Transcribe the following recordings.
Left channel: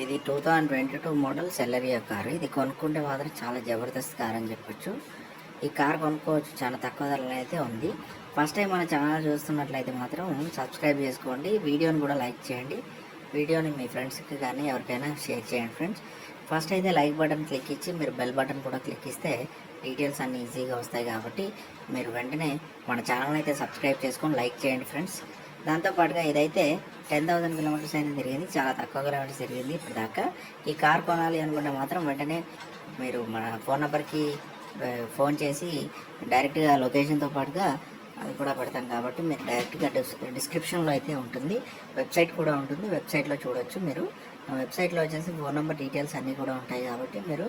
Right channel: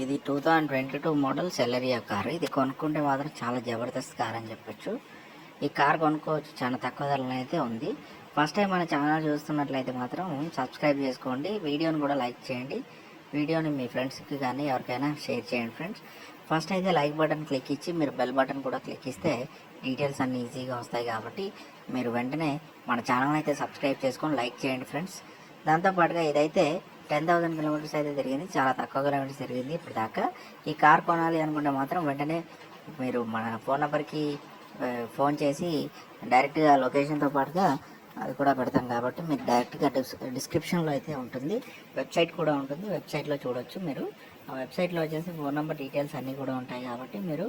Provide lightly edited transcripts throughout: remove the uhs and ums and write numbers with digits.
ఇది 2022 model సెలరియా car. ఇది కొనుక్కుంటే మాత్రం చాలా జబర్దస్త్ కార్ అని చెప్పొచ్చు. ఈ కార్ కొనుక్కోవచ్చు, చాలా తక్కువ ధరలో అయితే ఉంది. ఫస్ట్ టైం మన ఛానల్ చూస్తున్నట్లయితే మాత్రం సబ్స్క్రైబ్ చేసుకోండి, వీడియోని కూడా లైక్ చేయండి, వీడియోని మీ ఫ్రెండ్స్కి కానీ ఎవరికైనా షేర్ చేయండి ఫ్రెండ్స్. ఫస్ట్ అయితే లైక్ బటన్ క్లిక్ ఇచ్చి మీరు బెల్ బటన్ కూడా క్లిక్ ఇస్తే డీటెయిల్స్ అన్నీ ఈజీగా వస్తాయి. కాబట్టి మీరు వెంటనే మన ఛానల్ అయితే సబ్స్క్రైబ్ చేసుకొని లైక్ చేయండి ఫ్రెండ్స్. దాంతోపాటుగా ఇదైతే 10,000 కిలోమీటర్స్ అయితే తిరిగింది, చాలా తక్కువ కిలోమీటర్స్ తిరిగింది ఇప్పుడు దాకా. ఈ కార్ కొనాలి అనుకుంటే మాత్రం వెంటనే మీరు మన ఫోన్ నెంబర్కి ఫోన్ చేసి డైరెక్ట్గా లొకేషన్తో పాటుగా అది కూడా పెడతాం. కాబట్టి మీరు డైరెక్ట్గా డిస్క్రిప్షన్లో అయితే ఉంటుంది, వెబ్సైట్ కూడా ఉంటుంది, వెబ్సైట్లో చూడొచ్చు. మీరు ఆ వెబ్సైట్లో వచ్చేసి ఫోన్ నెంబర్ డీటెయిల్స్ అన్నీ కూడా ఉంటాయి. కాబట్టి మీరు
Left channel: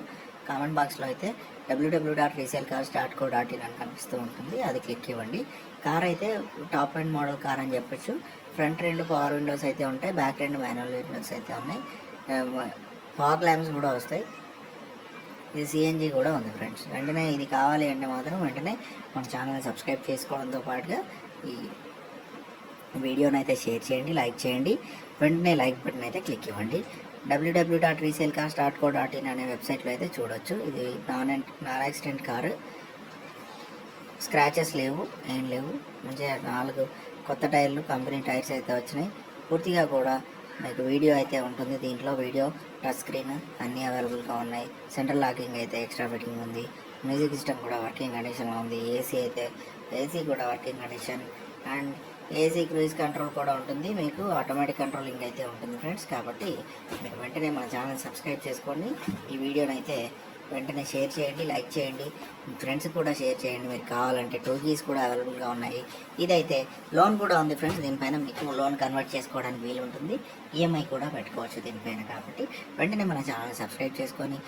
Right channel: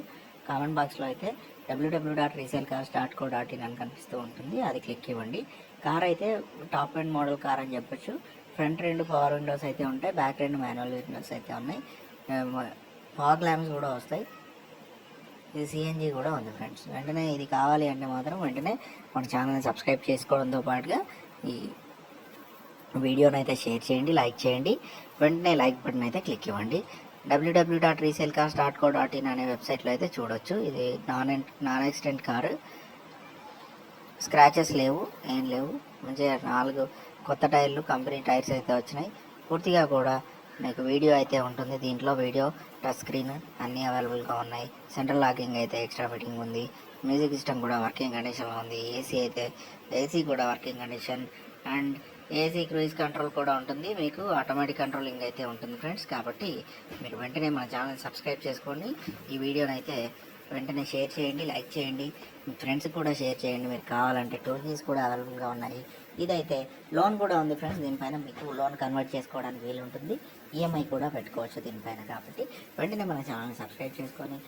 కామెంట్ బాక్స్లో అయితే www.resalecars.co.in అని కనిపిస్తూ ఉంటుంది, అది క్లిక్ ఇవ్వండి. కార్ అయితే టాప్ అండ్ మోడల్ కార్ అని చెప్పొచ్చు. ఫ్రంట్ రెండు పవర్ విండోస్ అయితే ఉంటాయి, బ్యాక్ రెండు మాన్యువల్ విండోస్ అయితే ఉన్నాయి, ఫాగ్ ల్యాంప్స్ కూడా వస్తాయి. ఇది సిఎన్జి కూడా ఉంది ఫ్రెండ్స్. వెంటనే ఇది కావాలి అంటే మాత్రం వెంటనే మన ఛానల్ని సబ్స్క్రైబ్ చేసుకోవడంతో పాటుగా ఈ వీడియోని అయితే షేర్ చేయండి, లైక్ చేయండి, వెంటనే లైక్ బటన్ అయితే క్లిక్ ఇవ్వండి. www.resalecars.co.in అనే వెబ్సైట్లో అయితే చూడొచ్చు. ఇది నాన్ యాక్సిడెంట్ కారు, స్క్రాచెస్ లేవు, ఏం లేవు, మంచిగా 4 కొత్త టైర్లు, కంపెనీ టైర్స్ అయితే వచ్చినాయి. పూర్తిగా కూడా మీకు వీడియో అయితే ఉంటుంది. దీంట్లో వీడియో, టచ్ స్క్రీన్ అన్నీ అవైలబుల్గా ఉన్నాయి. సెంట్రల్ లాకింగ్ అయితే ఎక్స్ట్రా ఫిట్టింగ్ ఉంది, మ్యూజిక్ సిస్టమ్ కూడా వర్కింగ్ కండిషన్లో ఉంది, ఏసీ కూడా working condition, and AC cruise control కూడా ఉంటుంది, మీకు ఆటోమేటిక్ కంట్రోలింగ్ అయితే ఉంటుంది ఫ్రెండ్స్. కాబట్టి మీరు వెంటనే మన ఛానల్ సబ్స్క్రైబ్ చేసుకోండి, ఈ వీడియోని అయితే వెంటనే షేర్ చేయండి, లైక్ చేయండి, మీ ఫ్రెండ్స్కి కూడా షేర్ చేయండి. మీరు కావాలంటే 2 కీస్ కూడా అవైలబుల్గా ఉన్నాయి. ఇదైతే లోన్ కూడా ఉంది ఫ్రెండ్స్, దీనిపైన మీకు లోన్ కన్వర్ట్ చేసుకోవడానికి వీలు ఉంటుంది, ఈఎంఐ కూడా పెట్టుకోవచ్చు దీనిపైన. కాబట్టి వెంటనే మన ఛానల్ సబ్స్క్రైబ్ చేసుకొని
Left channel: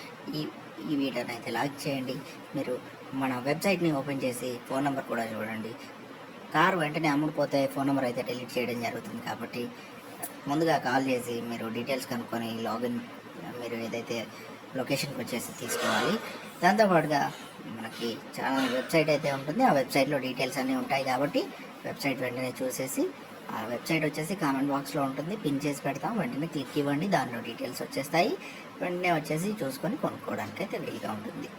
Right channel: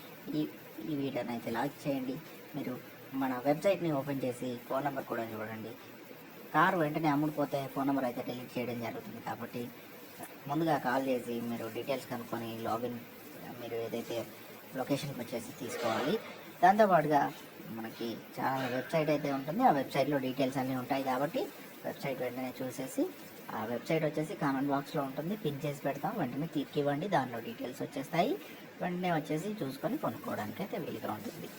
ఈ వీడియోని అయితే లైక్ చేయండి. మీరు మన వెబ్సైట్ని ఓపెన్ చేసి ఫోన్ నెంబర్ కూడా చూడండి. కారు వెంటనే అమ్ముడుపోతే ఫోన్ నెంబర్ అయితే డిలీట్ చేయడం జరుగుతుంది. కాబట్టి ముందుగా కాల్ చేసి మీరు డీటెయిల్స్ కనుక్కొని లాగిన్ మీరు ఏదైతే లొకేషన్కి వచ్చేసి తీసుకోవాలి. దాంతోపాటుగా మనకి ఛానల్ వెబ్సైట్ అయితే ఉంటుంది, ఆ వెబ్సైట్లో డీటెయిల్స్ అన్నీ ఉంటాయి. కాబట్టి వెబ్సైట్ వెంటనే చూసేసి, ఆ వెబ్సైట్ వచ్చేసి కామెంట్ బాక్స్లో ఉంటుంది, పిన్ చేసి పెడతాం, వెంటనే క్లిక్ ఇవ్వండి, దానిలో డీటెయిల్స్ వచ్చేస్తాయి. వెంటనే వచ్చేసి చూసుకొని కొనుక్కోవడానికి అయితే వీలుగా ఉంటుంది.